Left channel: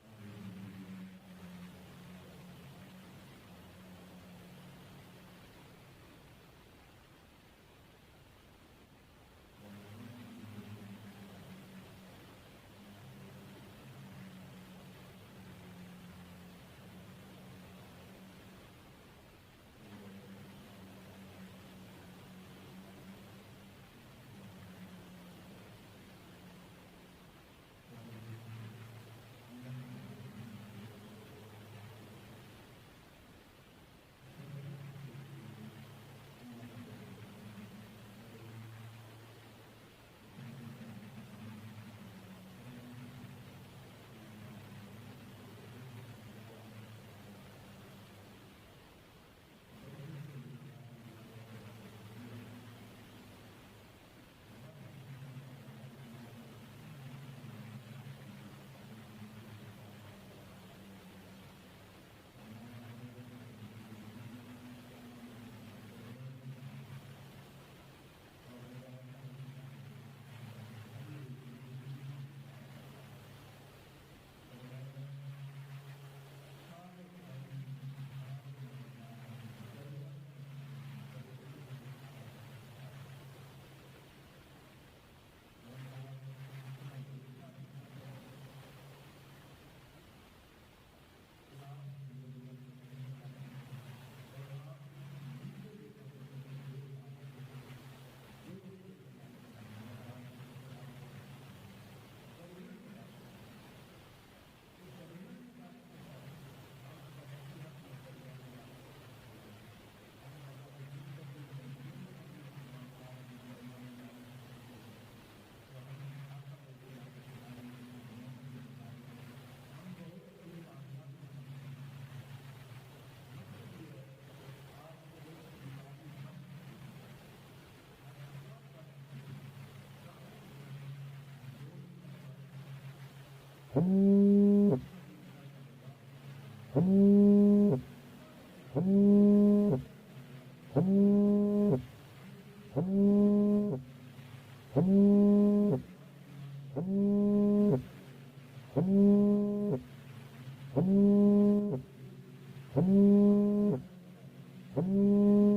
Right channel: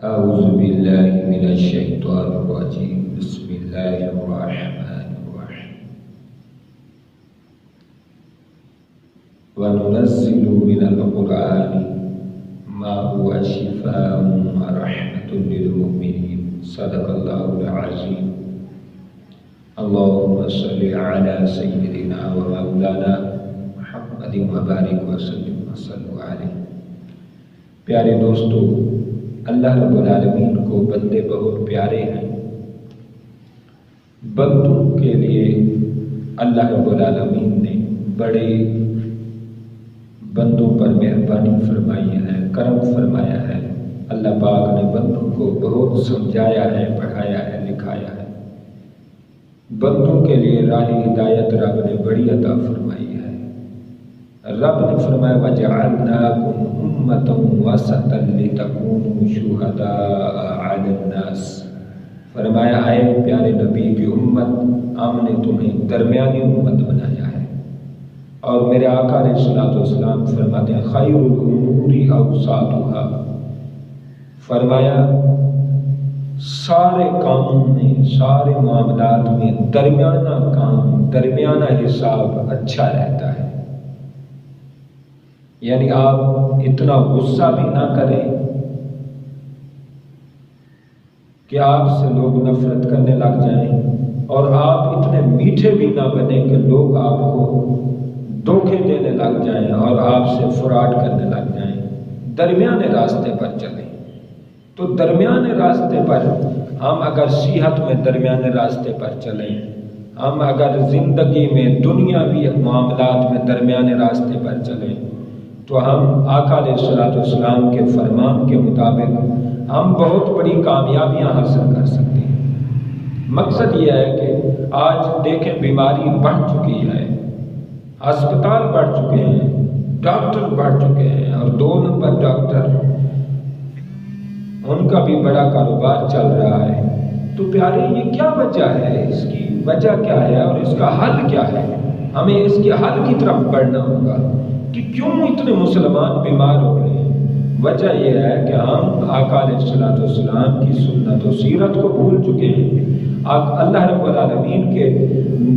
أعوذ بالله من الشيطان الرجيم بسم الله الرحمن الرحيم وننزل من القرآن ما هو شفاء ورحمة للمؤمنين صدق الله العظيم اللهم صل على سيدنا ومولانا محمد وبارك وسلم وصلوا علیہ۔ پیارے دوستو، اللہ رب العالمین کو بندے بہت پیارے ہیں۔ بندوں کے لیے اللہ رب العالمین نے بڑے بندوں پر مہربانی فرمائی ہے، کرم فرمایا ہے۔ اللہ پاک نے بندوں کو بہت سمجھایا ہے، پڑھایا ہے، لکھایا ہے۔ بندوں کے لیے راہ ہدایت رب نے بڑی عطا فرمائی ہے۔ رب نے فرمایا وَجَعَلْنَاكُمْ أُمَّةً وَسَطًا لِتَكُونُوا شُهَدَاءَ عَلَى النَّاسِ، فرمایا اے پیارے نبی کی امت، ہم نے تمہیں درمیانی امت بنایا ہے۔ اور میرے آقا علیہ الصلوۃ والسلام فرماتے ہیں خیر الامور اوساطها، فرمایا سارے کاموں میں، سارے معاملات میں درمیانہ کام، درمیانہ حساب اچھا رہتا ہے۔ یعنی آپ اتنا غصہ بھی نہ کریں کہ آپ سے لوگ نفرت کرنے لگ جائیں، اور آپ اتنے میٹھے بھی نہ بنیں کہ لوگ آپ کو دھوکے دینے لگ جائیں اور آپ سے فراڈ کرنے لگ جائیں۔ درمیانے راستے پر چلیں۔ تو درمیانے راستے پر ہم اگر صحت میں درمیانے راستے پر چلیں، ہم اگر زندگی میں دنیاوی معاملات میں درمیانے راستے پر چلیں، تو ہم آقا علیہ الصلوۃ والسلام کے فرمان کے مطابق ہم بہت بڑی کامیابیاں حاصل کر سکتے ہیں۔ مقصد یہ ہے کہ آج دیکھیں بیماری بڑھ چکی ہے، ہسپتال بڑھ چکے ہیں، ڈاکٹر بڑھ چکے ہیں، اور 2 نمبر ڈاکٹر ان کا بھی بڑا کاروبار چل رہا ہے۔ تو پیارے یہ کیا وجہ ہے؟ اس کی وجہ کیا ہے اور اس کا حل کیا ہے؟ ہمیں اس کے حل کی طرف بڑھنا ہوگا کہ کیوں اتنے مسلمان بیمار ہو رہے ہیں۔ وجہ یہ ہے کہ ہم آقا علیہ الصلوۃ والسلام کی سنت و سیرت کو بھول چکے ہیں۔ اللہ رب العالمین کے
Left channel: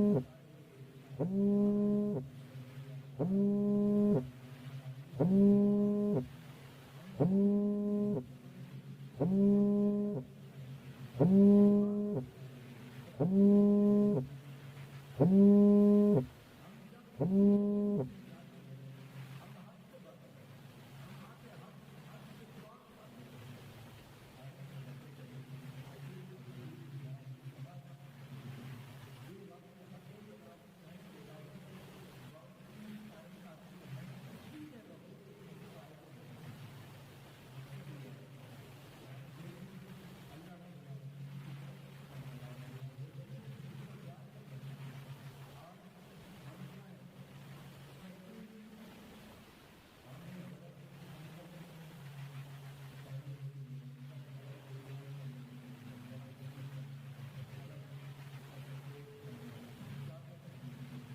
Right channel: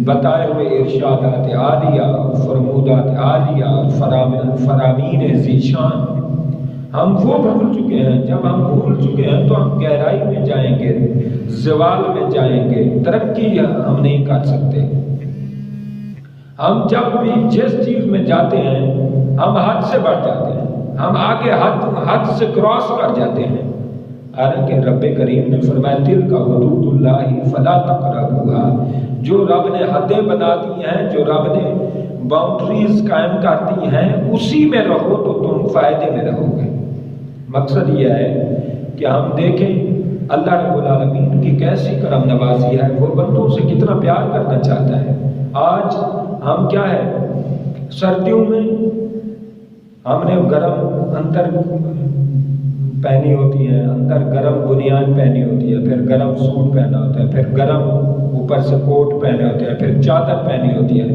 بتائے ہوئے ارشادات عالیہ، فرمودات عالیہ، فرامین ذیشان ہم وہ بھول چکے ہیں۔ جب ہم بھول چکے ہیں تو ہم گہرائی میں جائیں گے، زوال میں جائیں گے، ترقی ہم نہیں کر سکتے۔ ہم جب بھی جس چیز میں جاتے ہیں ہم حد سے بڑھ جاتے ہیں، ہم آگے حد سے کراس کر جاتے ہیں۔ حالانکہ رب کریم نے فرمایا تلک حدود اللہ فلا تقربوها، جو رب نے حدیں بنا دی ہیں، جو رب نے باؤنڈریز قائم کر دی ہیں، اسی میں رہو تو تم فائدے میں رہو گے۔ مقصد یہ ہے کہ ہم دیکھیں اللہ رب العالمین کی کیسی کرم نوازی ہے، وہ بندوں سے کتنا پیار کرنا چاہتا ہے۔ آج ہم کیا ہے، سردیوں میں ہم نے گرم اندر پہنی ہوتی ہے، اندر گرم بنیان پہنی ہوتی ہے، پھر گرم سوٹ پہنا ہوتا ہے، پھر گرم اوپر سے کوٹ پہنے ہوتے ہیں، پھر چادر پہنی ہوتی ہے۔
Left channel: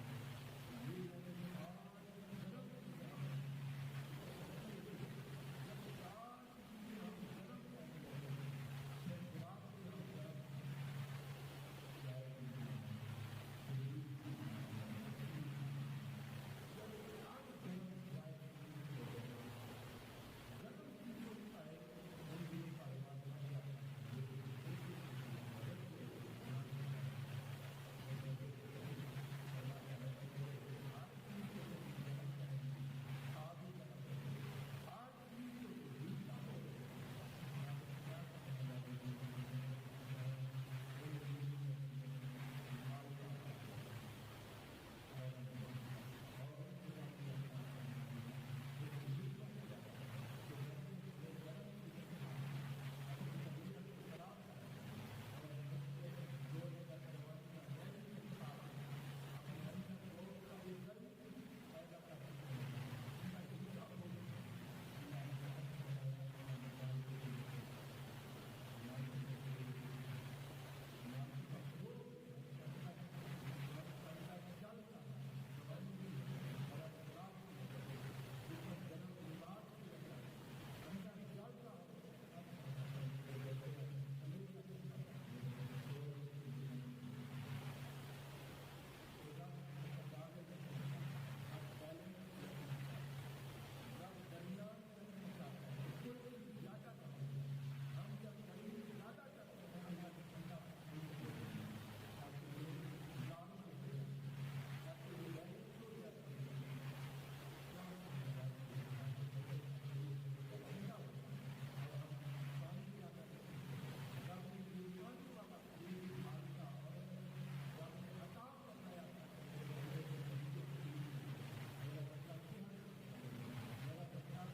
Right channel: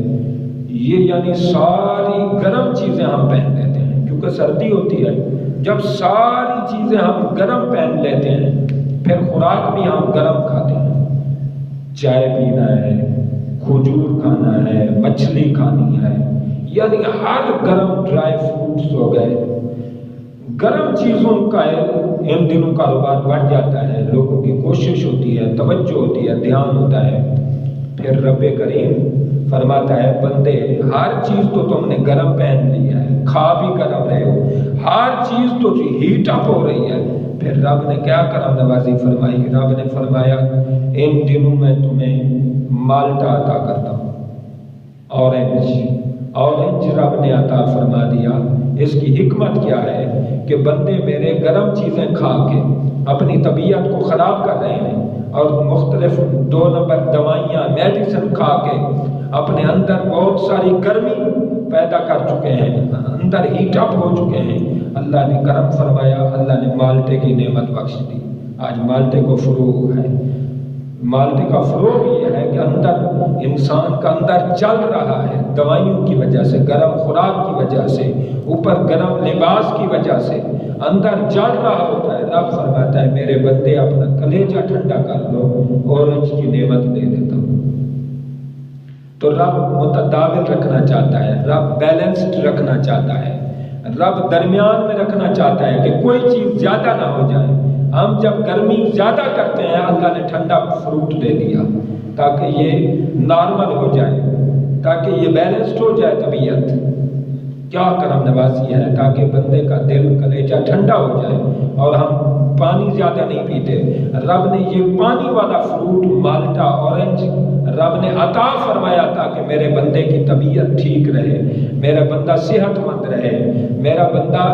یہ یعنی ساری گرم چیزیں ہم پہن لیتے ہیں کیونکہ سردی ہوتی ہے۔ جب ساری چیزیں ہم گرم پہن لیتے ہیں، پھر خوراک بھی ہم گرم کھاتے ہیں۔ چائے پینا ہے، کھجور کھانا ہے، مچھلی کھانی ہے، یعنی ہر گرم ڈرائی فروٹس ہو گئے، گرم چیزوں کا ان دنوں کاروبار بڑھ جاتا ہے، لوگوں کی کوشش ہوتی ہے، توجہ ہوتی ہے، دھیان ہوتا ہے۔ پھر رب کریم فرماتا ہے بندے ہر چیز تو تم نے گرم پہن لی ہے، کھا بھی گرم رہے ہو، ہر چیز تو ہیٹ اپ ہو رہی ہے۔ پھر رب نے کیا کرم نوازی فرمائی؟ رب نے فرمایا ان دنوں میں تمہیں مالٹا عطا کرتا ہوں، اورنج رب نے عطا فرما دیا۔ اس کی حکمت کیا ہے کہ بندے میرے گرم چیزیں کھا کے اپنی طبیعت کو خراب کر رہے ہیں، اور مختلف 2 نمبر دوائیاں، میڈیسن کھا کے اپنے اندر بہت ساری گرمی پیدا کر چکے ہیں، اندر ہیٹ اپ ہو چکے ہیں۔ اللہ نے کرم فرمایا، اللہ نے مالٹے کی نعمت بخش دی۔ آج مالٹے کو فروغ ہے۔ مالٹے کا فروغ یہ ہے کہ اندر انسان کا اندر چل رہا ہے، دوائیوں کی وجہ سے، گرم خوراک کی وجہ سے، اوپر گرم لباس کی وجہ سے اندر جل رہا ہوتا ہے۔ رب فرماتا فرماتا ہے میرے بندے اپنا کلیجہ ٹھنڈا کر لو، اورنج کی نعمت دے دیتا ہوں۔ تو رب متداول رکھنا چاہتا ہے، رب بیلنسڈ رکھنا چاہتا ہے، رب درمیان میں رکھنا چاہتا ہے کہ کوئی چیز زیادہ نہ ہو جائے۔ ہم جب گرمی زیادہ کرتے ہیں، اللہ نے ٹھنڈا فروٹ دے دیا تاکہ یہ نارمل ہو جائے، تاکہ یہ بیلنسڈ ہو جائے طبیعت۔ کیا کرم نوازی ہے تاکہ بندے کا دل کلیجہ ٹھنڈا ہو جائے اور ہم پانی زیادہ نہیں پیتے۔ رب نے یہ پانی والا فروٹ مالٹا اورنج رب نے عطا فرمایا تاکہ میرے بندے کی طبیعت ٹھیک رہے، میرا بندہ صحت مند رہے، میرا بندہ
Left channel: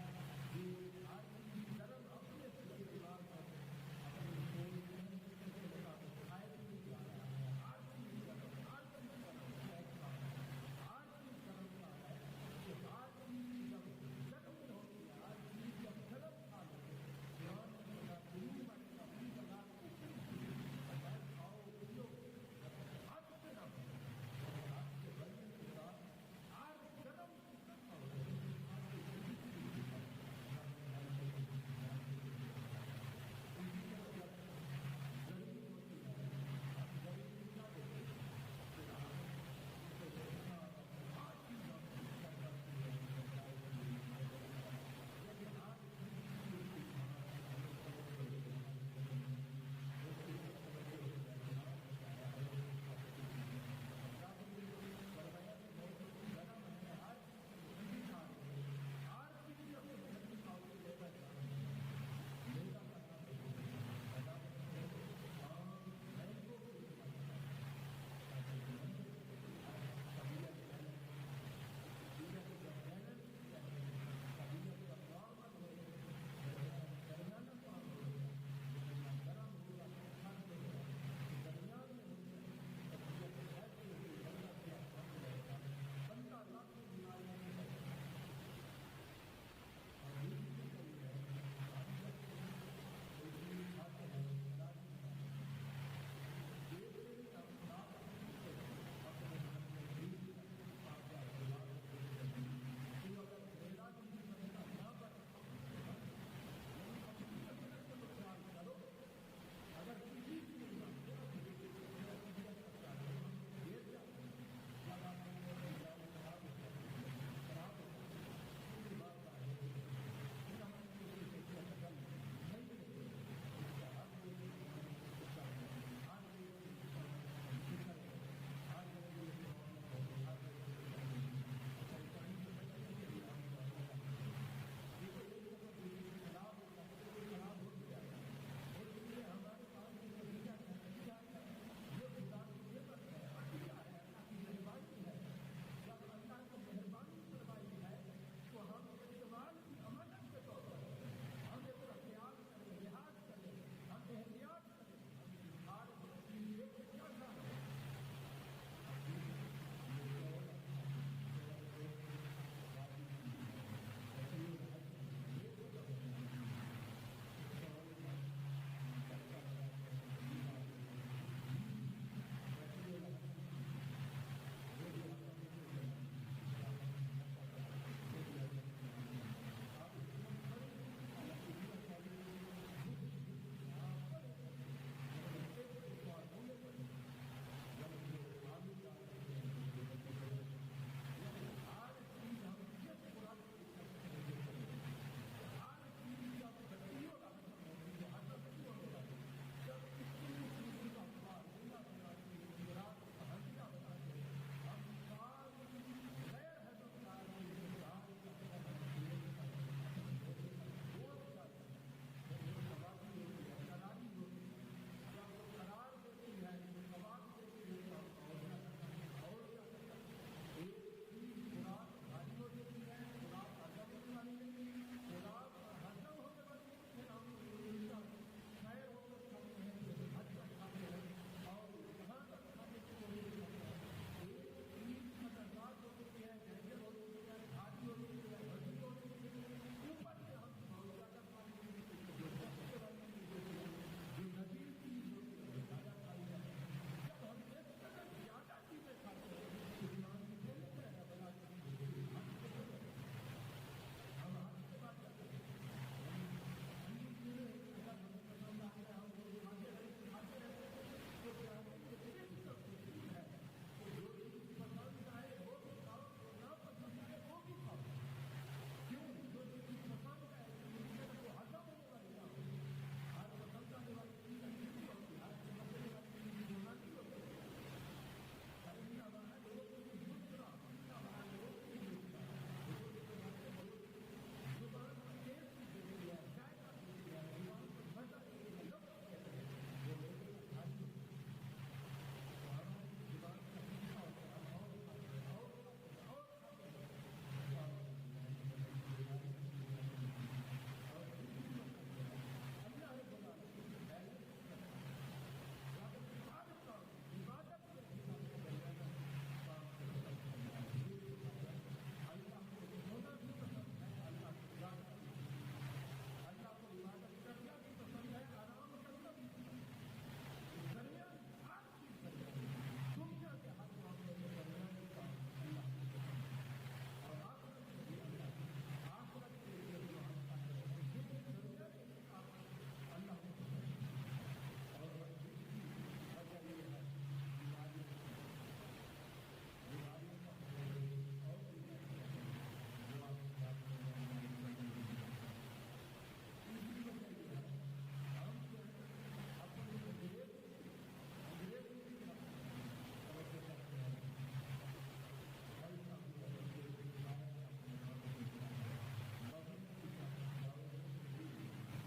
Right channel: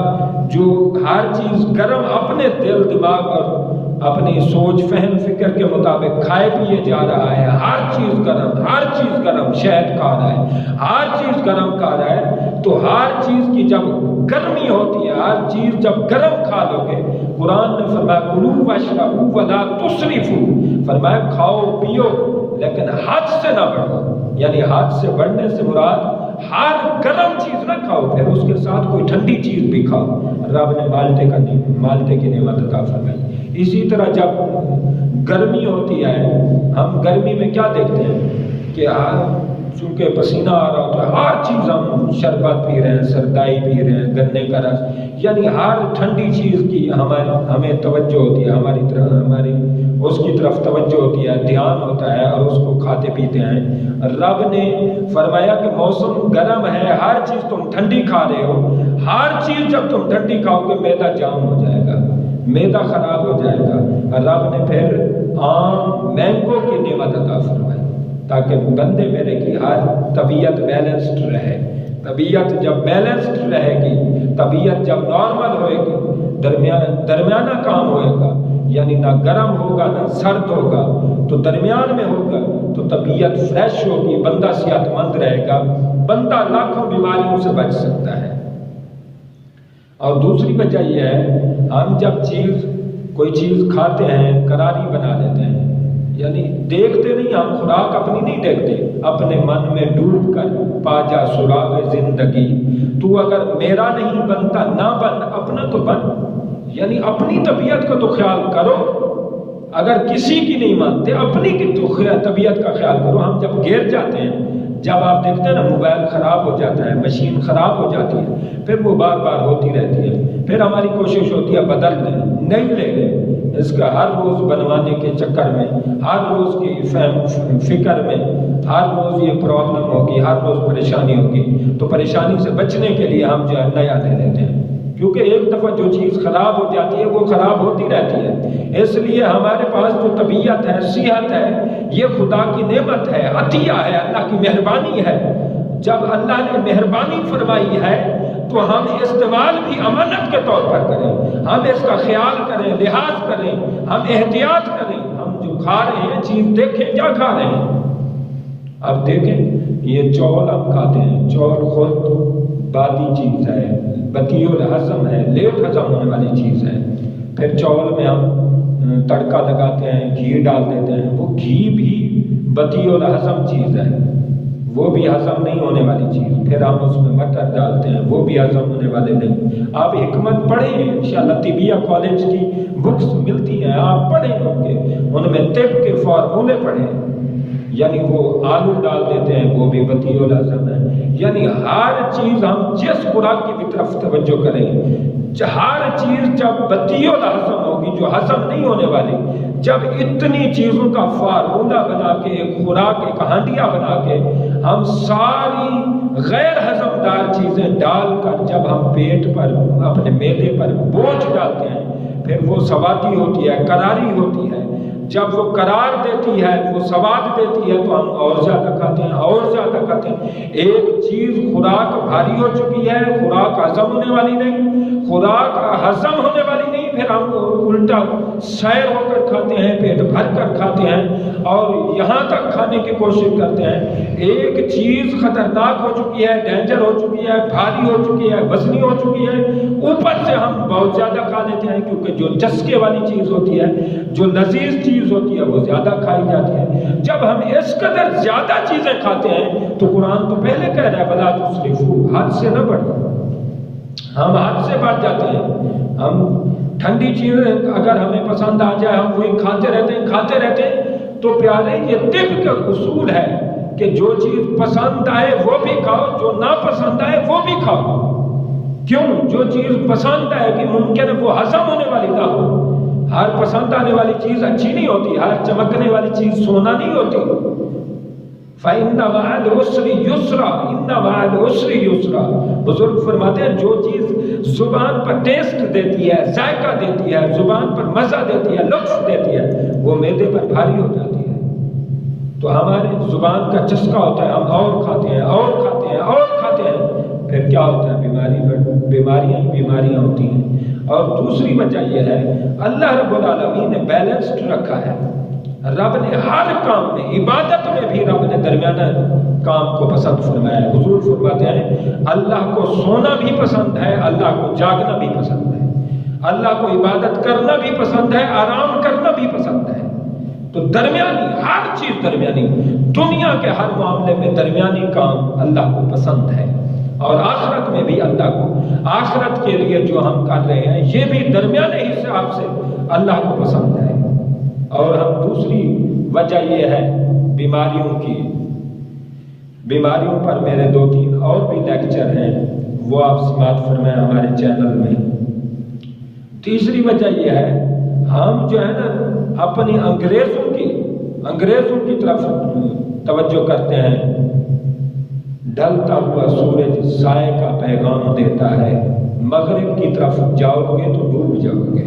جو ہر چیز گرم اپنے دل دماغ اور اپنی سوچ فہم فکر کے مطابق کھائے پیے جا رہا ہے، ہر چیز گرم، ہر چیز گرم، شہد کھا رہا ہے، ہر چیز گرم کھا رہا ہے، تو ہر چیز کی جب گرمی ہوتی ہے، ہر چیز جب گرم کھا لو گے، قرآن نے فرمایا کلوا واشربوا ولا تسرفوا، فرمایا کھاؤ پیو لیکن حد سے نہ بڑھو، یعنی حد سے بڑھنے سے مراد ہر گرم چیز نہ کھاؤ، پھر اس کے ساتھ کوئی ٹھنڈی چیز بھی کھاؤ۔ رب نے مالٹے کی نعمت عطا فرمائی۔ اسی طرح جب گرمی ہوتی ہے، ہم گرمی میں کیا دیکھتے ہیں کہ چونکہ پسینہ آ رہا ہوتا ہے، ہر چیز ہم شربت پی رہے ہیں، سردائی پی رہے ہیں، گنے کا رس، یعنی ہر ٹھنڈی چیز کی ہمیں توجہ ہوتی ہے، ہماری اس کی طرف توجہ ہوتی ہے، دھیان ہوتا ہے اور اس کو کھاتے پیتے ہیں۔ رب نے فرمایا کہ موسم گرم ہے، ہر چیز تم ٹھنڈی کھا رہے ہو، ہر چیز جب تم ٹھنڈی کھاؤ گے معدہ جام ہو جائے گا، معدہ خراب ہو جائے گا۔ رب نے پھر آم مینگو کی نعمت عطا فرمائی تاکہ بندے میرے کی ہر طبیعت بیلنسڈ رہے۔ طبیعت جب بیلنسڈ رہے گی، طبیعت جب نارمل ہوئے گی، درمیانہ کام ہوئے گا، یعنی نہ گرم ہوگا نہ سرد ہوگا، تو درمیان میں ہوگا تو طبیعت فریش ہوگی، بندہ صحت مند رہے گا، بندہ لاکھوں بیماریوں سے بچ سکتا ہے۔ اور دوسری وجہ یہ ہے، ہم جب کوئی چیز کھاتے ہیں کراری بنا لیتے ہیں، یعنی دیکھتے نہیں، ہم خوراک اپنی نہیں دیکھتے، اپنے من میں ڈوب کر پا جا سراغ زندگی، تو اگر میرا نہیں بنتا نہ بن، اپنا تو بن، یعنی اپنی طبیعت کو تو خیال کرو، اگر کسی کی نہیں مانتے اپنی کی تو طبیعت کا خیال کرو۔ ہم جب گر جاتے ہیں، جب آپ دیکھتے ہیں نا موبائل خراب ہو جاتا ہے، مشین خراب ہو جاتی ہے، پھر وہ بار بار ہوتی رہتی ہے، پھر ہماری کوشش ہوتی ہے بدل لیں، نہیں لے لیں، اس کا ہر روز بنوانے کے چکر میں، ہر روز کی فکر میں، ہر روز یہ پرابلم ہوگی، ہر روز پریشانی ہوگی، تو پریشانی سے بچنے کے لیے ہم جو ہے نیا لے لیتے ہیں، کیونکہ ایک دفعہ جو چیز خراب ہو جاتی ہے وہ خراب ہوتی رہتی ہے۔ اس لیے ہمارے پاس جو طبیعت ہے، صحت ہے، یہ خدا کی نعمت ہے، عطیہ ہے، اللہ کی مہربانی ہے۔ جب اللہ نے مہربانی فرمائی ہے تو ہم استعمال بھی امانت کے طور پر کریں، ہم اس کا خیال کریں، لحاظ کریں، ہم احتیاط کریں، ہم جو کھا رہے ہیں چیز دیکھیں کیا کھا رہے ہیں۔ اب دیکھیں یہ چاول ہم کھاتے ہیں، چاول خود بادی چیز ہے، بطیء الہضم ہے، لیٹ ہضم ہونے والی چیز ہے، پھر چاول میں ہم تڑکا لگاتے ہیں، گھی ڈال دیتے ہیں، وہ گھی بھی بطیء الہضم چیز ہے، وہ بھی ہضم نہیں ہونے والی چیز، پھر ہم اس میں مٹر ڈالتے ہیں، وہ بھی ہضم ہونے والے نہیں۔ آپ حکمت پڑھیں، انشاءاللہ طبیہ کالج کی بکس ملتی ہیں، آپ پڑھیں ہوں گے، ان میں طب کے فارمولے پڑھیں، یعنی وہ آلو ڈال دیتے ہیں، وہ بھی بطیء الہضم ہے، یعنی ہر چیز ہم جس خوراک کی بھی طرف توجہ کریں، ہر چیز جب بطیء الہضم ہوگی، جو ہضم نہیں ہونے والی، جب اتنی چیزوں کا فارمولہ بنا کے ایک خوراک، ایک ہانڈیا بنا کے ہم ساری غیر ہضم دار چیزیں ڈال کر جب ہم پیٹ پر، اپنے معدے پر بوجھ ڈالتے ہیں، پھر وہ سواتی ہوتی ہے، کراری ہوتی ہے، جب وہ قرار دیتی ہے، وہ سواد دیتی ہے، تو ہم اور زیادہ کھاتے ہیں، اور زیادہ کھاتے ہیں۔ ایک چیز خوراک بھاری ہو چکی ہے، خوراک ہضم ہونے والی نہیں، خوراک ہضم ہونے والی نہیں، پھر ہم الٹا سیر ہو کر کھاتے ہیں، پیٹ بھر کر کھاتے ہیں اور یہاں تک کھانے کی کوشش کرتے ہیں۔ ایک چیز خطرناک ہو چکی ہے، ڈینجر ہو چکی ہے، بھاری ہو چکی ہے، وزنی ہو چکی ہے، اوپر سے ہم بہت زیادہ کھا لیتے ہیں، کیونکہ جو چسکے والی چیز ہوتی ہے، جو لذیذ چیز ہوتی ہے، وہ زیادہ کھائی جاتی ہے۔ جب ہم اس قدر زیادہ چیزیں کھاتے ہیں تو قرآن تو پہلے کہہ رہا ہے بلا تسرفوا، حد سے نہ بڑھو۔ ہم حد سے بڑھ جاتے ہیں، ہم ٹھنڈی چیزیں اگر ہمیں پسند آ جائے ہم وہی کھاتے رہتے ہیں تو پیارے یہ طب کا اصول ہے کہ جو چیز پسند آئے وہ بھی کھاؤ، جو ناپسند آئے وہ بھی کھاؤ۔ کیوں؟ جو چیز پسند آئے کہ ممکن ہے وہ ہضم ہونے والی نہ ہو۔ ہر پسند آنے والی چیز اچھی نہیں ہوتی، ہر چمکنے والی چیز سونا نہیں ہوتی۔ فَإِنَّ مَعَ الْعُسْرِ يُسْرًا إِنَّ مَعَ الْعُسْرِ يُسْرًا۔ بزرگ فرماتے ہیں جو چیز زبان پر ٹیسٹ دیتی ہے، ذائقہ دیتی ہے، زبان پر مزہ دیتی ہے، لطف دیتی ہے، وہ معدے پر بھاری ہو جاتی ہے۔ تو ہمارے زبان کا چسکا ہوتا ہے، ہم اور کھاتے ہیں اور کھاتے ہیں اور کھاتے ہیں، پھر کیا ہوتا ہے؟ بیماریاں ہوتی ہیں۔ اور دوسری وجہ یہ ہے اللہ رب العالمین نے بیلنسڈ رکھا ہے۔ رب نے ہر کام میں، عبادت میں بھی رب نے درمیانہ کام کو پسند فرمایا ہے۔ حضور فرماتے ہیں اللہ کو سونا بھی پسند ہے، اللہ کو جاگنا بھی پسند ہے، اللہ کو عبادت کرنا بھی پسند ہے، آرام کرنا بھی پسند ہے۔ تو درمیانی ہر چیز درمیانی، دنیا کے ہر معاملے میں درمیانی کام اللہ کو پسند ہے، اور آخرت میں بھی اللہ کو، آخرت کے لیے جو ہم کر رہے ہیں یہ بھی درمیانے حساب سے اللہ کو پسند ہے۔ اور ہم دوسری وجہ یہ ہے بیماریوں کی، بیماریوں پر میرے 2-3 اور بھی لیکچر ہیں، وہ آپ سماعت فرمائیں ہمارے چینل میں۔ تیسری وجہ یہ ہے ہم جو ہے نا اپنی انگریزوں کی طرف توجہ کرتے ہیں۔ ڈھلتا ہوا سورج سائے کا پیغام دیتا ہے، مغرب کی طرف جاؤ گے تو ڈوب جاؤ گے۔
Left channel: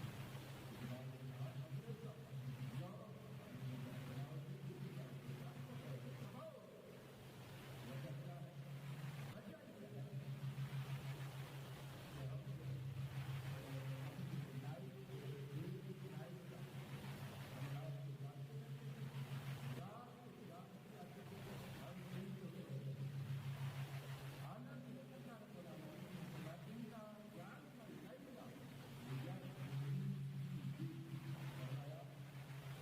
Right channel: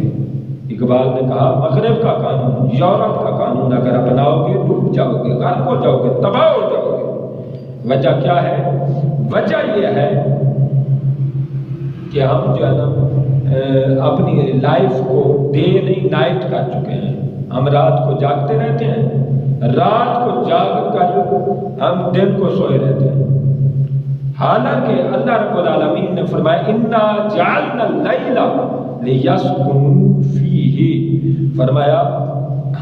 اقبال نے کہا مغرب کا قانون، یورپ کا قانون اگر اپناؤ گے ڈوب جاؤ گے، غرق ہو جاؤ گے، تباہ ہو جاؤ گے۔ وجہ کیا ہے؟ وجہ یہ ہے کہ ہم جو ہے نا اپنی لائف کو ڈے نہیں نائٹ کر چکے ہیں۔ ہم رات کو جاگتے رہتے ہیں، رات کو جاگ کر ہم دن کو سوئے رہتے ہیں۔ حالانکہ اللہ رب العالمین نے فرمایا اِنَّا جَعَلْنَا اللَّيْلَ لِيَسْكُنُوا فِيهِ، فرمایا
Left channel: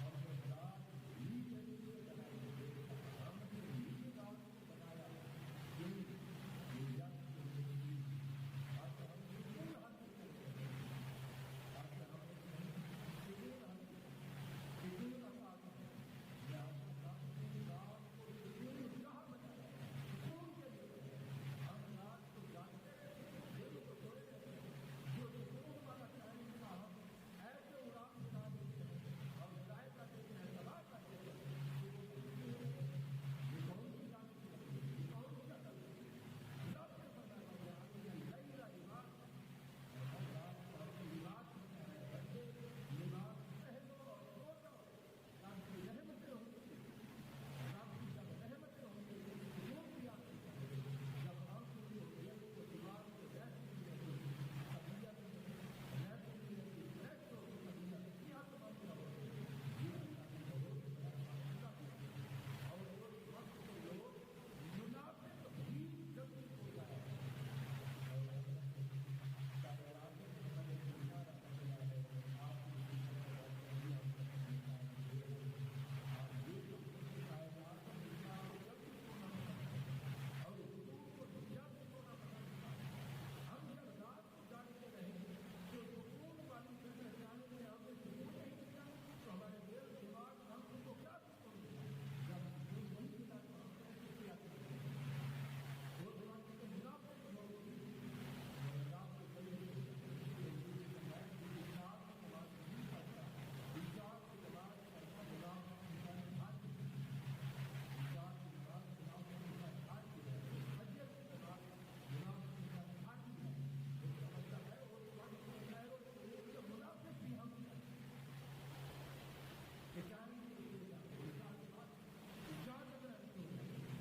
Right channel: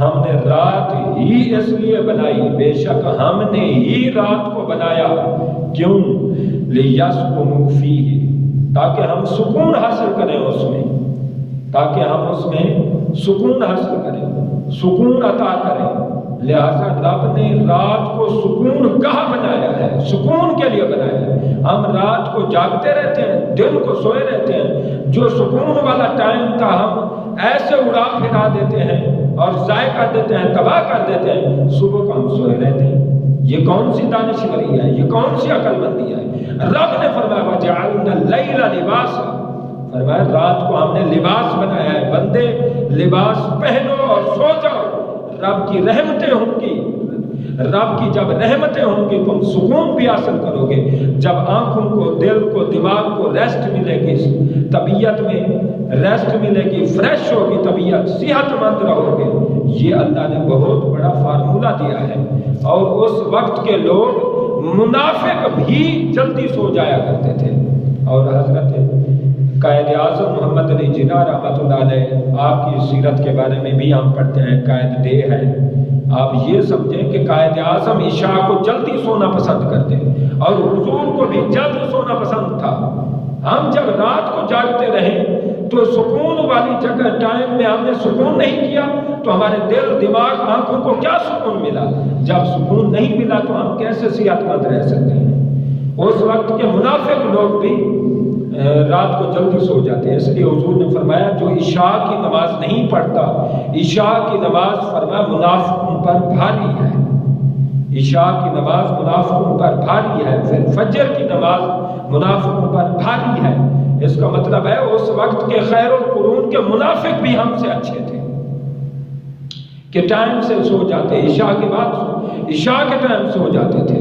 ہم نے رات ہی اس لیے بنائی، بے شک ہم نے ہی رات کو بنایا، کیوں؟ لِيَسْكُنُوا فِيهِ، تاکہ ہم سکون حاصل کریں اس میں، تاکہ ہم اس میں سکون حاصل کریں، سکون عطا کریں۔ لہذا رب نے رات کو سکون گاہ بنایا ہے، سکون کے لیے بنایا ہے۔ ہم رات کو جاگتے رہتے ہیں، دن کو سوئے رہتے ہیں، جو سکون والا ٹائم تھا ہم ایسے اڑا پھرا دیتے ہیں اور ضائع کر دیتے ہیں، تباہ کر دیتے ہیں۔ صبح کو ہم سوئے رہتے ہیں۔ یہ کون سی دانشوری ہے؟ یہ کون سی عقل مندی ہے؟ رب نے فرمایا وَجَعَلْنَا اللَّيْلَ لِبَاسًا، فرمایا رات کو ہم نے لباس بنایا ہے۔ بندے لباس پہنو اور سو جاؤ، رب کی رحمتیں ہوں گی، رب کی جب رحمتیں ہوں گی تم سکون بھی حاصل کرو گے۔ جب آنکھوں کو، دل کو، دماغ کو ریسٹ ملے گی، طبیعت میں ریسٹ ملے گی، فریش ہوگی طبیعت، صحت مند رہو گے۔ یہ اللہ نے بہت بڑا فارمولہ دیا ہے۔ اور اس وقت کے لوگ منافق بھی جلدی سو جایا کرتے تھے۔ اور حضرت قائد اعظم محمد علی جناح رحمۃ اللہ علیہ، آپ کی سیرت کے بارے میں بھی ہم پڑھتے ہیں، قائد ڈے ہے۔ آپ یہ سمجھیں کہ قائد اعظم عشاء کو جلدی سونا پسند کرتے، اور حضور کو بھی جلد سونا پسند تھا۔ ہم جب رات کو جاگتے رہیں تو سکون والی جگہ ٹائم میں ہم نے سکون نہیں کیا تو ہمارے دل، دماغ، آنکھوں کو کیا سکون ملا؟ جب سکون نہیں ملا تو ہم کیسے صحت مند رہ سکتے ہیں؟ اس وقت کے منافق لوگ بھی رات کو جلدی سو جاتے ہیں۔ اس لیے حضور نے فرمایا جو عشاء کی نماز نہیں پڑھتا، عشاء کی نماز فرمایا منافقوں پر بھاری ہے، عشاء کی نماز منافقوں پر بھاری ہے، پھر فجر کی نماز منافقوں پر بھاری ہے۔ اس کا مطلب ہے اس وقت کے خیر القرون کے منافق بھی ہم سے اچھے تھے کہ ٹائم سے سو جاتے، عشاء کے بعد عشاء کے ٹائم سو جاتے تھے۔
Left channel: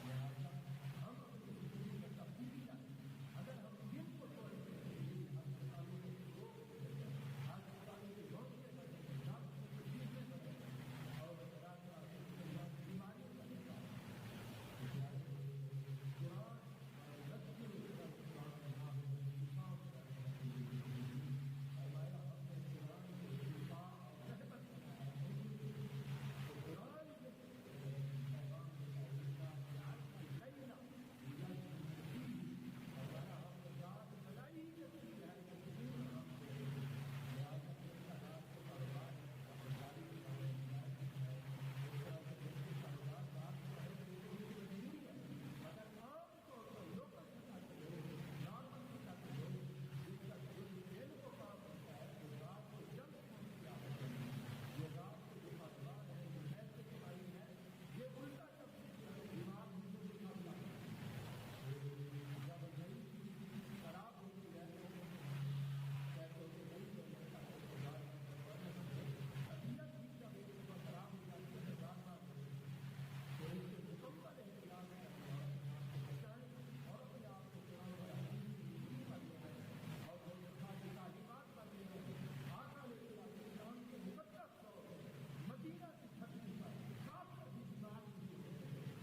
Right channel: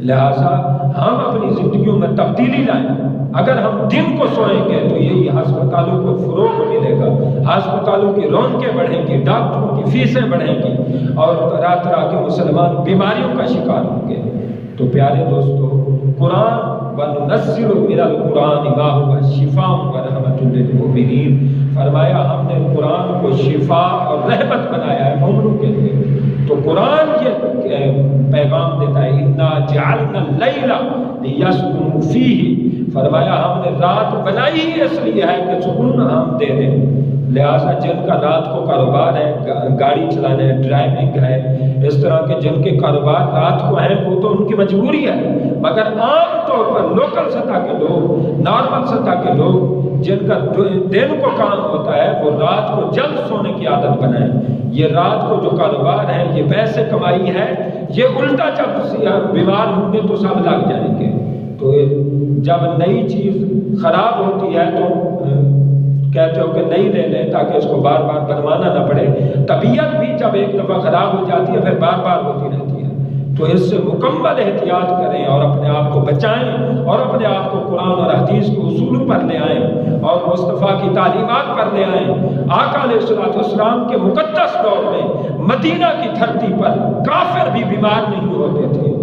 لہٰذا ہم اپنی زندگیوں میں تبدیلی لائیں۔ اگر ہم دن کو سوئیں گے تو یہی ہسپتالوں کو فروغ ملے گا، ہسپتالوں کی رونقیں بڑھیں گی، ڈاکٹروں کی فیسیں بڑھیں گی، اور طرح طرح کے مسلمان بیماریوں کا شکار ہوں گے۔ تو پیارے دوستو، قرآن وَنُنَزِّلُ مِنَ الْقُرْآنِ مَا هُوَ شِفَاءٌ وَرَحْمَةٌ لِّلْمُؤْمِنِينَ، فرمایا ہم نے قرآن کو شفا اور رحمت بنایا ہے مومنوں کے لیے۔ تو قرآن یہ پیغام دیتا ہے اِنَّا جَعَلْنَا اللَّيْلَ لِيَسْكُنُوا فِيهِ، فرمایا ہم نے رات بنائی ہی اس لیے ہے کہ سکون ہم دے دیں۔ لہٰذا جن کا رات کو کاروبار ہے، گاڑی چلانا ہے، ڈرائیونگ ہے، اس طرح کے جن کے کاروبار رات کو ہیں وہ تو ان کی مجبوری ہے، مگر عام طور پر لوکل سطح کے لوگ، نارمل سطح کے لوگ جن کا دن کو کام ہوتا ہے وہ رات کو جلد سونے کی عادت بنائیں۔ یہ رات کو جو کاروبار ہے، یہ پیسے کمائی ہے، یہ الٹا جب بیمار ہوں گے تو سب لگ جائیں گے۔ تو جب نئی چیز خراب ہوتی ہے تو کہتے ہو کہ نئی لے لیں تاکہ اس کو بار بار بنوانا نہ پڑے۔ طبیعت بھی جب ایک دفعہ خراب ہو جاتی ہے پھر بار بار ہوتی رہتی ہے، تو اس سے مکمل احتیاط کریں اور اپنے آپ کو بچائیں اور اپنے آپ کو قرآن اور حدیث کے اصولوں پر لے آئیں اور مصطفیٰ کی تعلیمات پر لے آئیں۔ آقا علیہ الصلوۃ والسلام کے مقدس دور میں مدینہ کی دھرتی پر کافر بھی بیمار نہیں ہوتے تھے۔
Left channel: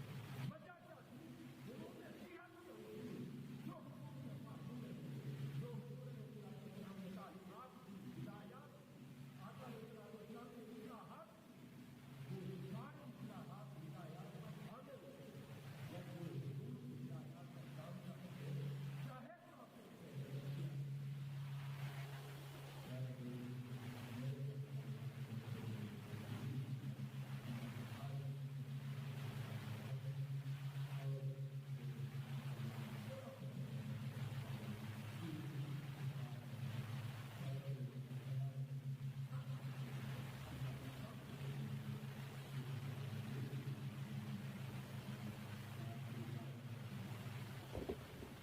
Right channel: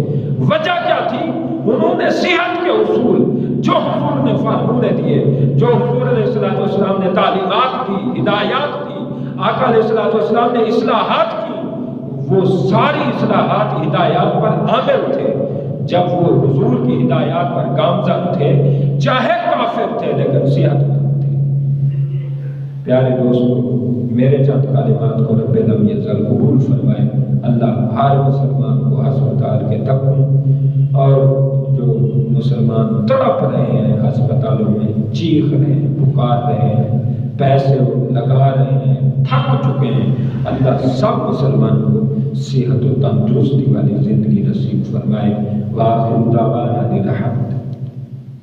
وجہ کیا تھی؟ انہوں نے صحت کے اصول جو حضور نے فرمودے دیے، جو حضور علیہ الصلوۃ والسلام نے تعلیمات دی، ہدایات دی، آقا علیہ الصلوۃ والسلام نے اصلاحات کی، وہ ساری اصلاحات ہدایات پر عامل تھے۔ جب وہ حضور کی ہدایات پر گامزن تھے، چاہے کافر تھے لیکن صحت مند تھے۔ پیارے دوستو، میرے چند کلمات کو رب لم یزل قبول فرمائے۔ اللہ ہر مسلمان کو ہسپتال کے تکوں اور جو مسلمان تڑپ رہے ہیں ہسپتالوں میں، چیخ رہے ہیں، پکار رہے ہیں، پیسے لگا رہے ہیں، تھک چکے ہیں، اللہ سب مسلمان کو صحت و تندرستی والی زندگی نصیب فرمائے۔ وآخر دعوانا الحمد۔